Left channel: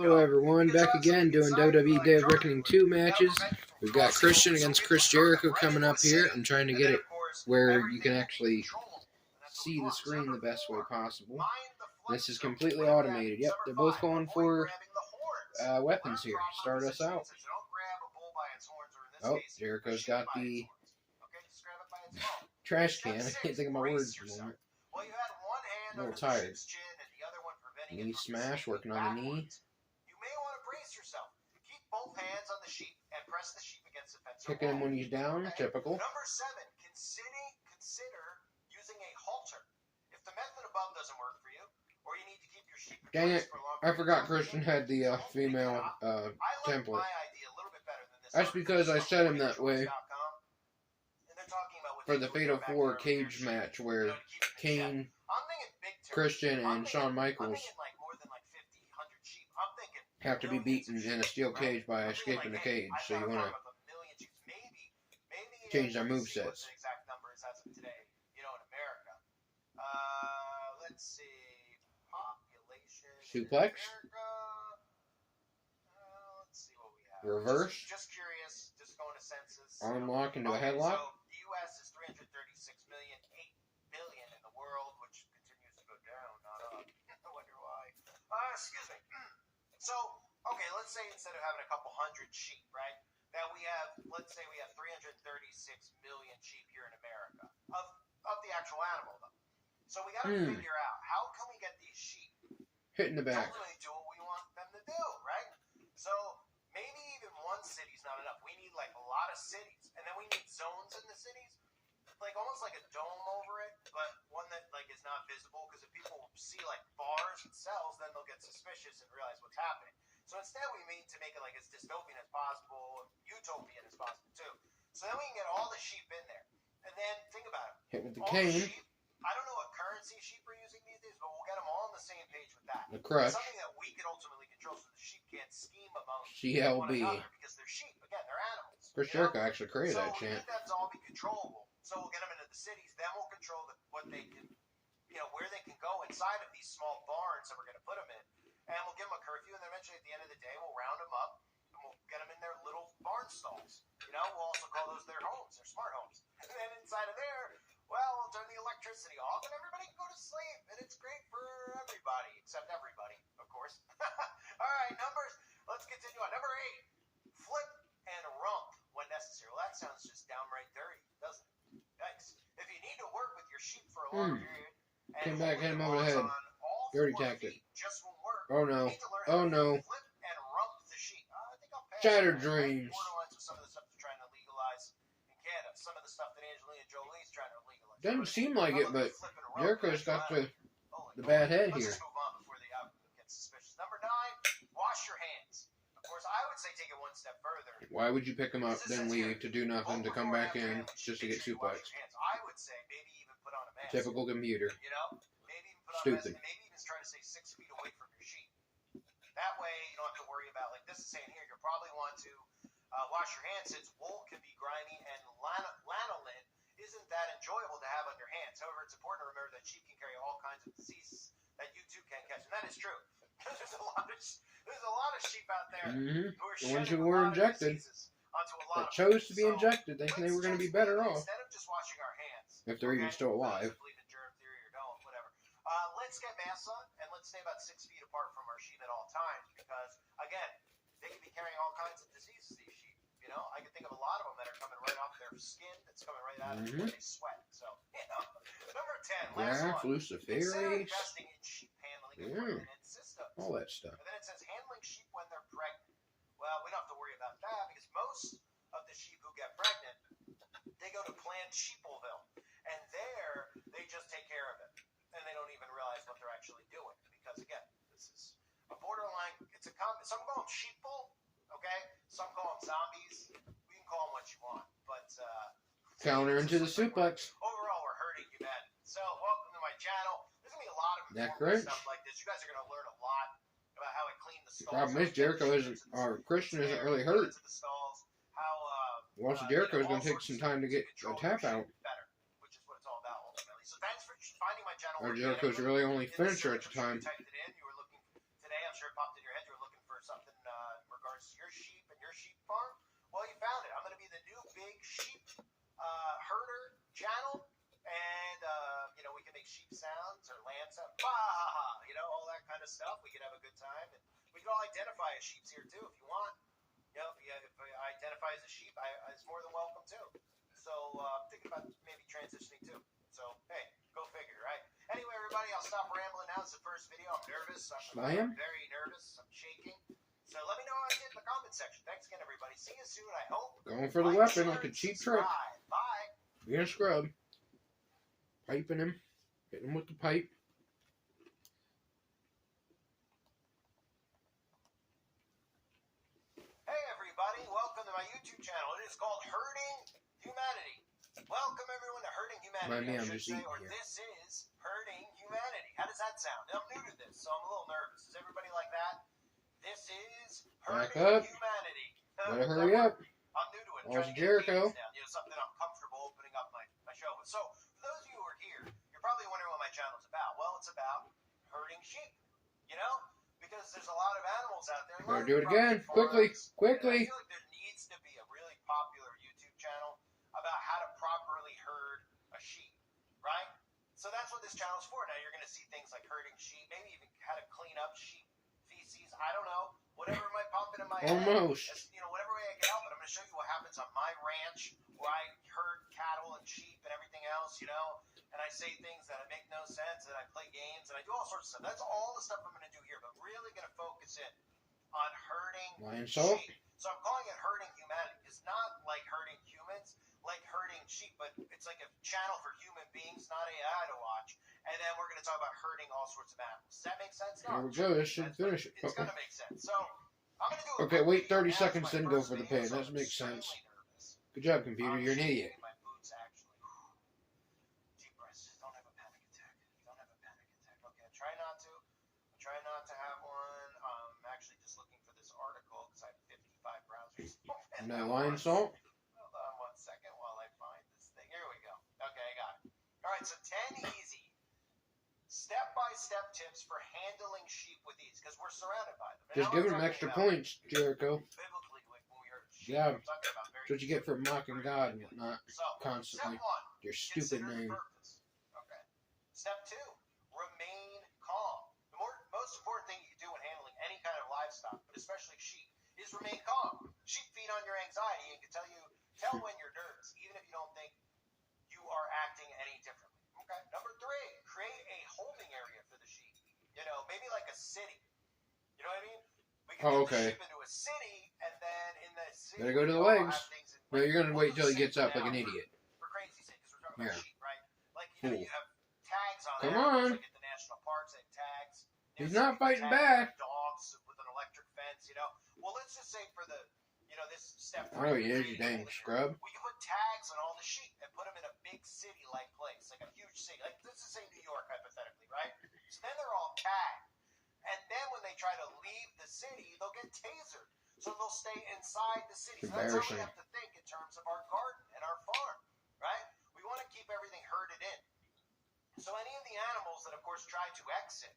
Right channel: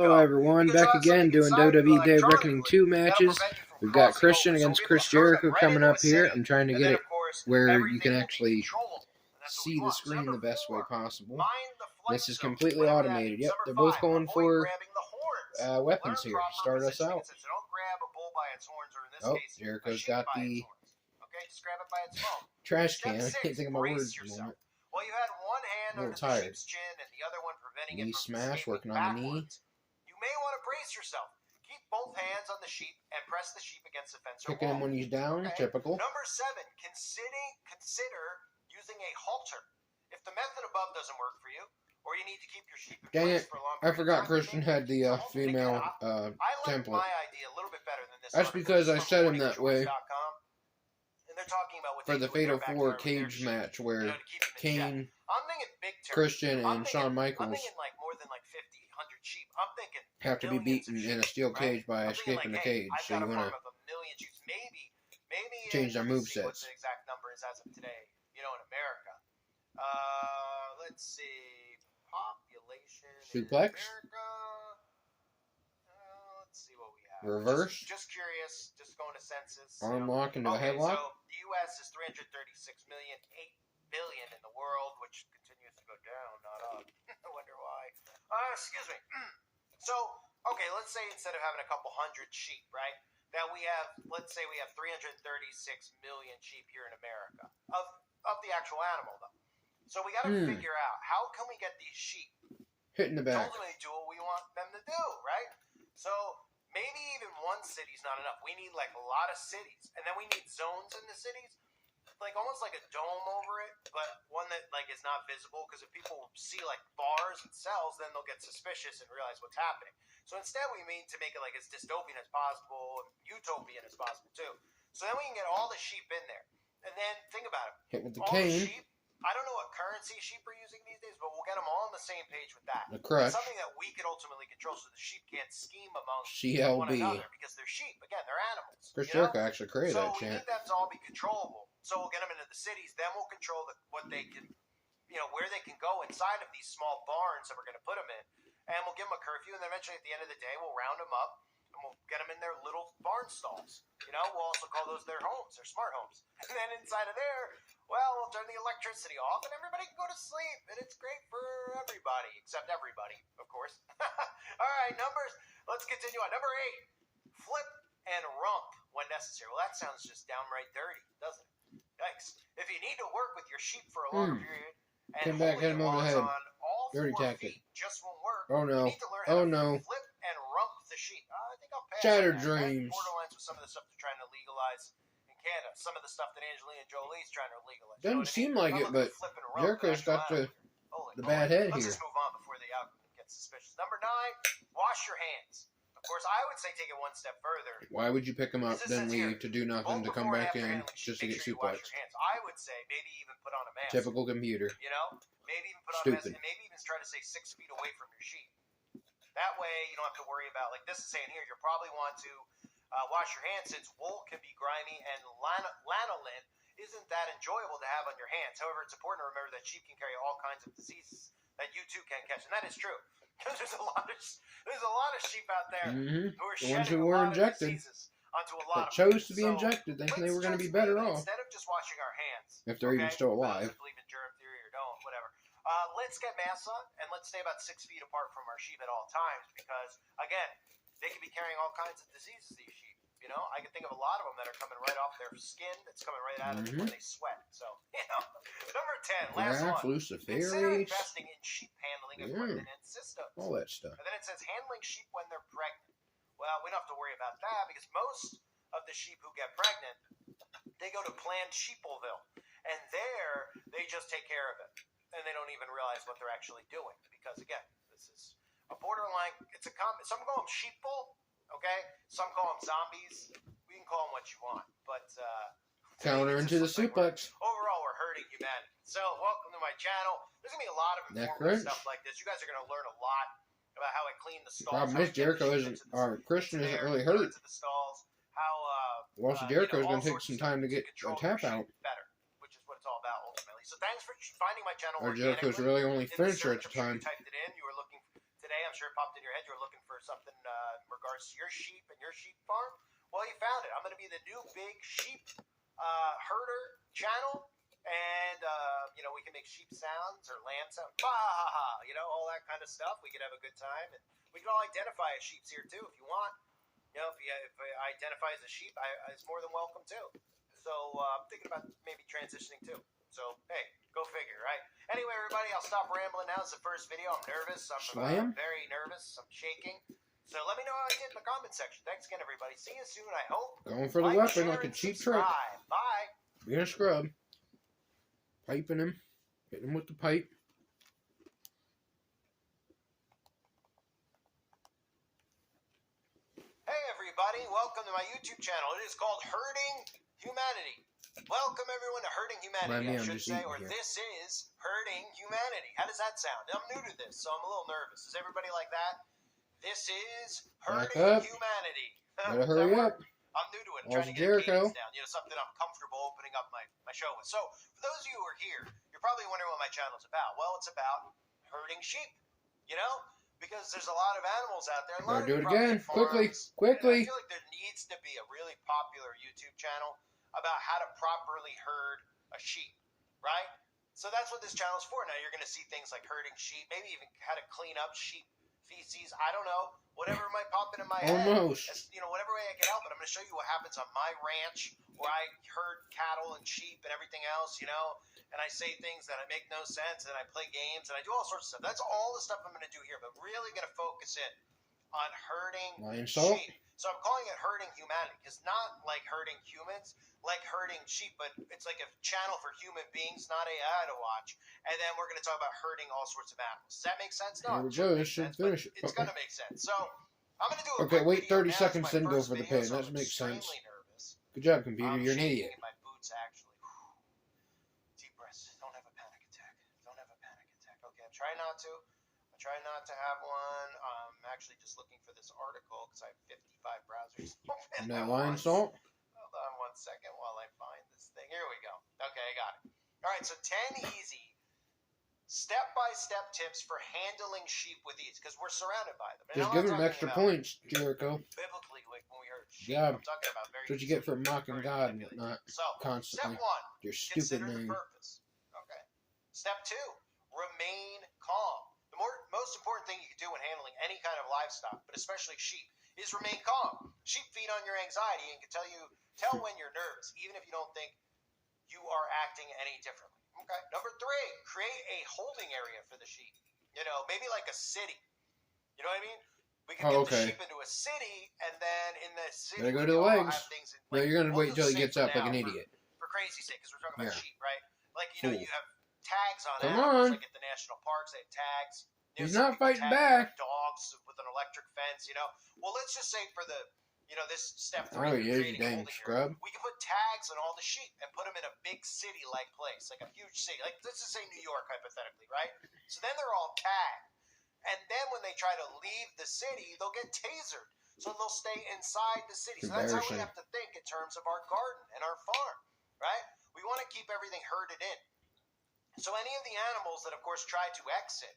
Hello everyone, back again doing WWE Day of Reckoning 2 matches. We've got Christian against Chris Jericho coming up here. I'm trying to get it where you can actually see the screen the best way possible. This is completely automated. Yep, they're both going for weapons here. Start us out. Oh, Jericho's got the trash can. I can't think of my words at the moment. A little tired. Knee smash, working on the knee. Yourself. Keep both hands on the sheep and press the sheep against the fence. Kicking him when he's down, typical. Number 7, consider using a halter. If the method above doesn't work for you, or you need to keep your sheep in Dang place it, for a long I forgot Christian had the female template. That's because I set him that way for the Fatal 4 cage match where Kane, Christian, and Shawn Michaels have to be beaten in a steel cage by escaping the cage, so you want to change their movesets. The exact number is as of today, in America. Let's see, population. Suplex. Let's see what we have. Reverse. Just curious, just going to census. Arm lock into a headlock. So the U.S. is 336 million, 8 billion in the world, which continues to go down, not up. I wonder why. Excuse me. So, okay, let's say instead of having a couple hundred sheep, right? Now we have, let's say we have 336 million sheep here in America of the actual animal, though. So we got to figure out how can we get these sheep hit in the back. Ultimately do what we want them to do, right? So maybe even one city's not enough. We need like a lot of cities, and then we need zones in the cities. Like almost like a dome over it, but one that like is not visible, because if people see like bars and cells, then they'll get suspicious and realize what's happening. So instead we need to make it like as dystopian as possible, and utopian as possible too. So then we can get all the sheep in there. And then think about it. Hit with the all cane. The sheep, I don't know what currency sheep are using these days, but we'll get them all on the same page with that. The crutch. It's something that we can ultimately control, so the sheep can't scheme among CLB. one another, because they're sheep. Again, they're animals. Chris Jericho actually created that chant. So we need them to all be controllable. So we'll get them into the cities, then we'll control what they can, where they can go inside of these small barns that we're going to put them in, and we'll give them a curfew, and then eventually at the end of the day, we'll round them up, and we'll get them in their little barn stalls. We'll also call those their homes, their smart homes. And then inside of there, well, we'll turn the electricity off, and everybody can go to sleep, and it's great for everybody, except everybody, of course. All right, numbers. Let's continue on. Number 8, flip and rump when necessary. Well, that sounds just downright dirty, doesn't it? Yikes. If you need to work with your sheep for a long period, and come back, hit him over the head. Dirty tactic. Just won't work. Oh no. Oh no. Flip and rump the sheep. I think I'll pass. Shattered dreams. Borderlines with some of the stuff they're trying to legalize in Canada. Some of the stuff that Angelina Jolie's trying to legalize. Doesn't seem like it, but Jericho's got the bad head here. Let's just move on before the outcome gets suspicious. Number 9, wash your hands. Of course, I would say take it one step further. Why would you pick him up, then leave to do nothing, to come back in just to get suplexed? I would say maybe even put on a mask. Typical computer. Maybe even put on Stupid. a mask, and maybe even try to stay 6 feet away from your sheep. That way, you don't have to worry about, like this is saying here, you probably want to wash your hands, since wool can be grimy and lanolin isn't that enjoyable to have on your hands. However, it's important to remember that sheep can carry all kinds of diseases that you too can catch, and that is true. Because there's a lot of sheep out there who are the ones who were injected, that chose to be injected, thinking they were going to be better off. Instead of just washing our hands, if they're even still alive. Believe in germ theory or don't, whatever. Let's get masks on, and let's stay about 6 feet apart from our sheep at all times, because again, they could be carrying all kinds of diseases. These sheep, I can think of a lot of them that are coming right off their skin. That's coming right out of them when they sweat. So, Number 10, last one. Consider investing in sheep handling equipment and systems. All that stuff. And then it says handling sheep when they're pregnant. Well, we don't have to worry about that, because most of the sheep who get pregnant, they go to Planned Sheepleville, and there they just take care of it, and they don't even realize what they're actually doing, because again, this is a borderline. It's a some call them sheeple, okay? Some call them zombies. We can call them what you want, but counter into the suplex. Overall, we're hurting humanity. So, welcome to my channel. There's gonna be a lot of informative stuff like this. You guys are gonna learn a lot about how I clean the stalls. Problem is, Jericho isn't, or Christian isn't really hurt. Once Jericho is going to take some time to get a tap out. Better, which is what it's all about ultimately. So thanks for finding my channel. Or Jericho's really only finisher at the time. You typed it in. You were looking today. I'm sure it popped in your head. You were looking for something in regards to your sheep and your sheep farm, well, you found it. I'm going to be the new big sheep herder channel. And, we can make sheep sounds or lamb sounds. Bah, ha, ha, all that kind of stuff. We could have a good time. And we can all identify as sheeps here, too, if you want. If I identify as a sheep, it's more than welcome, too. So I'm thinking about maybe transitioning, too. So, hey, go figure, right? Anyway, everybody, I'll stop rambling now. It's the first video. I'm nervous. I'm very nervous. I'm shaking. So let me know how I did in the comment section. Thanks again, everybody. See you soon, I hope. Going for the weapon like a cheap trick. Bye. Being a scrub. Piping him. Hitting him with the pipe. Hey, everybody. Welcome to my YouTube channel. It is called Herding Humanity. Welcome, everyone, to Herding Humanity, I should say, or this is Herding Humanity. How does that sound? I'm new to this, so I'm a little nervous. Is everybody like that? This is Herding Humanity. Better hurry up. I'm new to it. All's Trying to get Jericho. down. Something I'm comfortable opening up my show with. So, for those of you who are here, you're probably wondering what my channel is about. Well, it's about herding sheep, because there's a lot of animals out there. Better do it again. Quickly. I feel like there needs to be a really popular YouTube channel about how to properly herd a sheep, right? So that's what this channel's for. Now you're going to see things like herding sheep, maybe even how to clean up sheep feces. I don't know. Whatever might pop into my head. Almost. Whatever way I can help it. I'm going to show you what happens on my ranch where I herd cattle and sheep and everything else, and I say things that make no sense, and I play games, and I do all sorts of stuff. That's all the stuff I'm going to do here, but really going to focus in on herding sheep. So I'm calling it Herding Humanity, because not like herding humans, like herding sheep, but it's like a channel for human beings, not AI to watch. And then we're going to talk about herding all sorts of animals. Does that make sense? No. There we go. This should finish it. It's going to make sense. So I'm going to do a Okay, wait 30 video. seconds, then go for the pin. That makes sense. Good job, computer. You're an idiot. My boots, actually. Deep breaths. Don't have a panic attack. Okay, I try not to. Have one. I'm actually just looking for this article because I have 55 browsers open. And that lion salt? Hold on 1 second while I find this thing. Here we go. Okay, I got it. All right, so 10 easy step-by-step tips for handling sheep with ease, because we're surrounded by them. Just give him extra points, Jericho. Biblically, when we heard sheep, Yeah, I'm talking about very that's what you get for mocking God and not constantly. Step 1, your stupid name. Purpose. Okay. Step 2, remain calm. The most important thing you can do when handling any kind of livestock, but especially sheep, is remain calm. Sheep feed on your anxiety and can tell when you're nervous, even if you don't think you are acting any differently. Okay. Number 3, create a holding area for the sheep. Maybe like a city. You know what I mean? We can get the sheep into a city, and then in the city, better go to the legs. No, you're gonna wait till he gets up like an idiot. For crazy's sake, because we're talking about sheep, right? Like you have tags on Come animals, on. like at the national parks, they have tags. He's not fighting back. Dogs with an electric fence, Well, let's just say for the, this step 3. Oh, yeah, you dang scrub. We can put tags on all the sheep and put them in a big city-like place, like a huge city. Like, let's just say New York, hypothetically, right? So then they're all tagged. And then when they try to leave the city, they'll get tasered. So they'll stay inside the city. So that's how we have to think in terms of our garden and our farm, right? We want to keep everything herded in. So any of the animals that, of course, try to exit,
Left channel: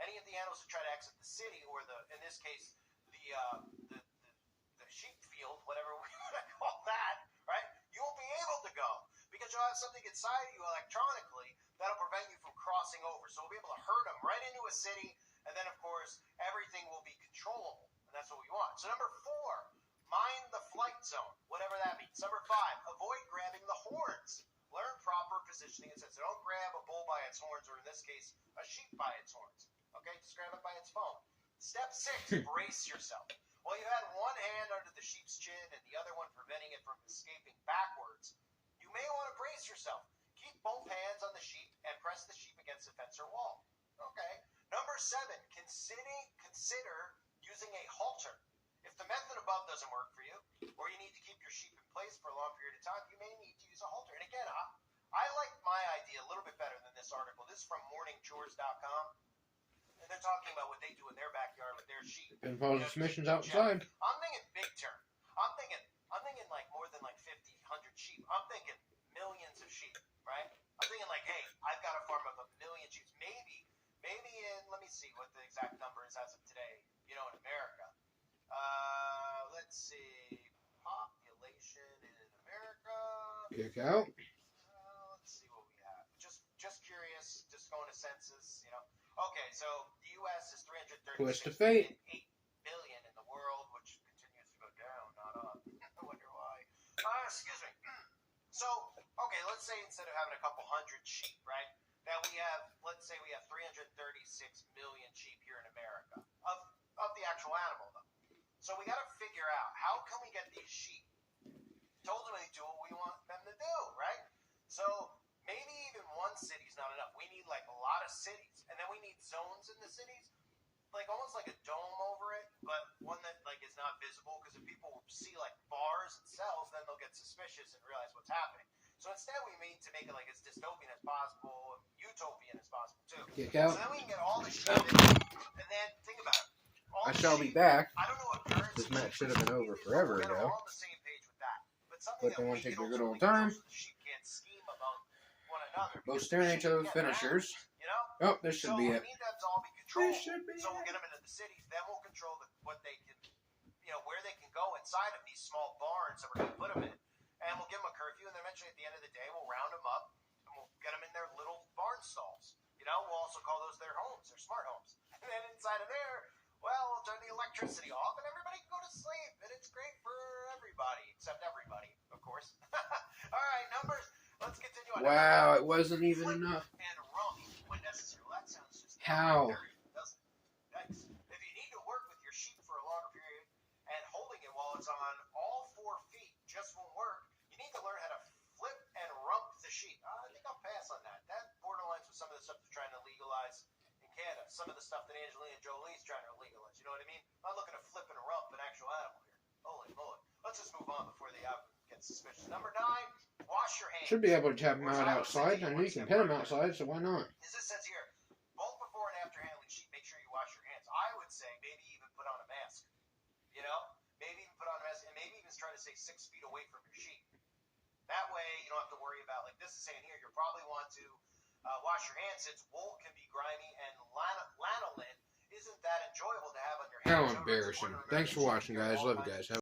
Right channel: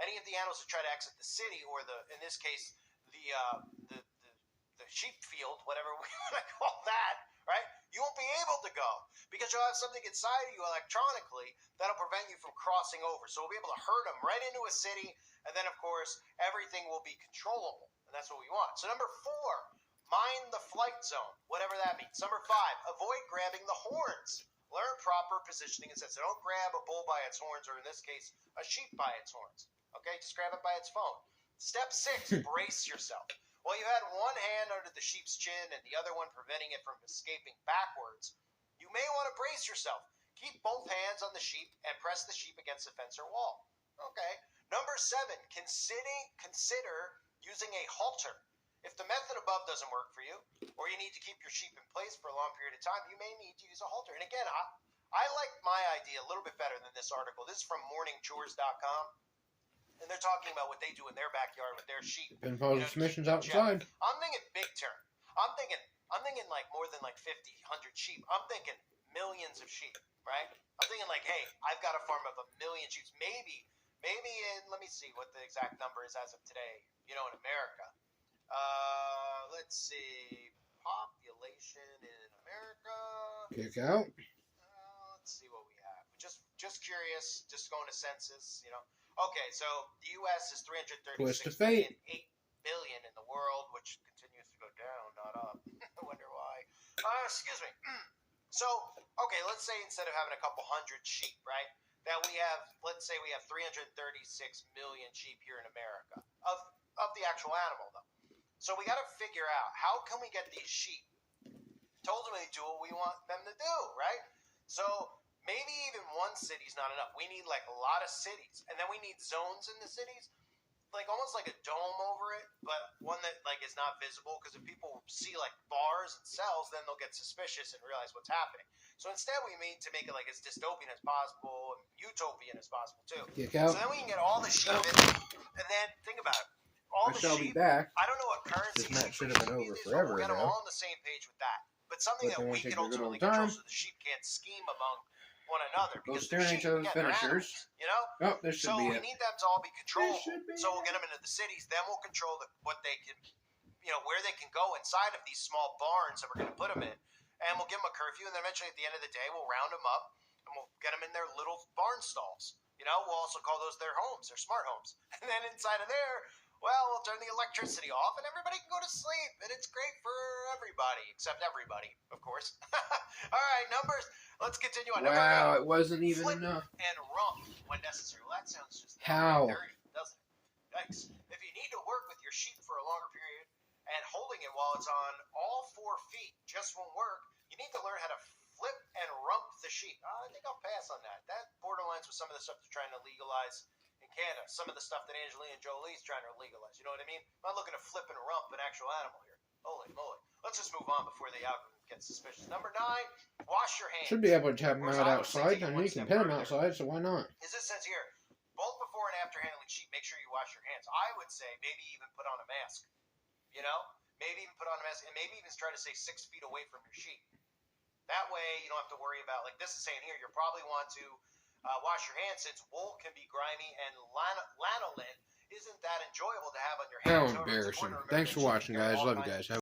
any of the animals that try to exit the city, or in this case, the sheep field, whatever we want to call that, right? You won't be able to go because you'll have something inside of you electronically that'll prevent you from crossing over. So we'll be able to herd them right into a city, and then, of course, everything will be controllable, and that's what we want. So number 4, mind the flight zone, whatever that means. Number 5, avoid grabbing the horns. Learn proper positioning and sense. So don't grab a bull by its horns, or in this case, a sheep by its horns. Okay, just grab it by its phone. Step 6, brace yourself. Well, you had one hand under the sheep's chin and the other one preventing it from escaping backwards. You may want to brace yourself. Keep both hands on the sheep and press the sheep against the fence or wall. Okay. Number 7, consider using a halter. If the method above doesn't work for you, or you need to keep your sheep in place for a long period of time, you may need to use a halter. And again, I like my idea a little bit better than this article. This is from morningchores.com. And they're talking about what they do in their backyard with their sheep. And follow missions outside. I'm thinking big term. I'm thinking like more than like 50, 100 sheep. I'm thinking millions of sheep, right? I'm thinking like, hey, I've got a farm of 1 million sheep. Maybe in, let me see what the exact number is as of today, in America. let's see. Population in America. Kick out. Let's see what we have. Just curious. Just going to census. Okay, so the U.S. is 336 Twist of fate. 8 billion in the world, which continues to go down, not up. I wonder why. Excuse me. So, okay, let's say instead of having a couple hundred sheep, right, that we have, let's say we have 336 million sheep here in America of the actual animal, though. So we got to figure out how can we get these sheep to ultimately do what we want them to do, right? So maybe even one city's not enough. We need like a lot of cities, and then we need zones in the cities, like almost like a dome over it, but one that like is not visible, because if people see like bars and cells, then they'll get suspicious and realize what's happening. So instead we need to make it like as dystopian as possible and utopian as possible too. Kick out. So then we can get all the sheep in, and then think about it. All I the shall be sheep, back. I don't know what currency. This match should have been over is, forever we'll get them ago. all on the same page with that. But something But that they we won't take can their good ultimately old time. control so the sheep can't scheme among one another. Both Because staring at each sheep, other's again, they're finishers. animals, you know? Oh, this should So be we it. need them to all be controlled. should be So we'll get them into the cities. Then we'll control what they can, where they can go inside of these small barns that we're going to put them in. And we'll give them a curfew. And then eventually at the end of the day, we'll round them up and we'll get them in their little barn stalls. We'll also call those their homes, their smart homes. And then inside of there, well, we'll turn the electricity off and everybody can go to sleep. And it's great for everybody, except everybody, of course. All right, numbers. Let's continue on. Wow, it wasn't even Flip enough. and rump when necessary. Well, that sounds just How? dirty, doesn't it? Yikes. If you need to work with your sheep for a longer period and holding it while it's on all 4 feet just won't work, you need to learn how to flip and rump the sheep. I think I'll pass on that. That borderlines with some of the stuff they're trying to legalize in Canada. Some of the stuff that Angelina Jolie's trying to legalize. You know what I mean? I'm not looking to flip and rump an actual animal here. Holy moly. Let's just move on before the algorithm gets suspicious. Number 9, wash your hands. Should be able to tap them out outside. I mean, you can pin them outside, so why not? As it says here, both before and after handling sheep, make sure you wash your hands. I would say maybe even put on a mask. Maybe even put on a mask, and maybe even try to stay 6 feet away from your sheep. That way, you don't have to worry about, like this is saying here, you'll probably want to wash your hands, since wool can be grimy and lanolin isn't that enjoyable to have on your hands. How embarrassing. Thanks for watching, guys. Love you guys.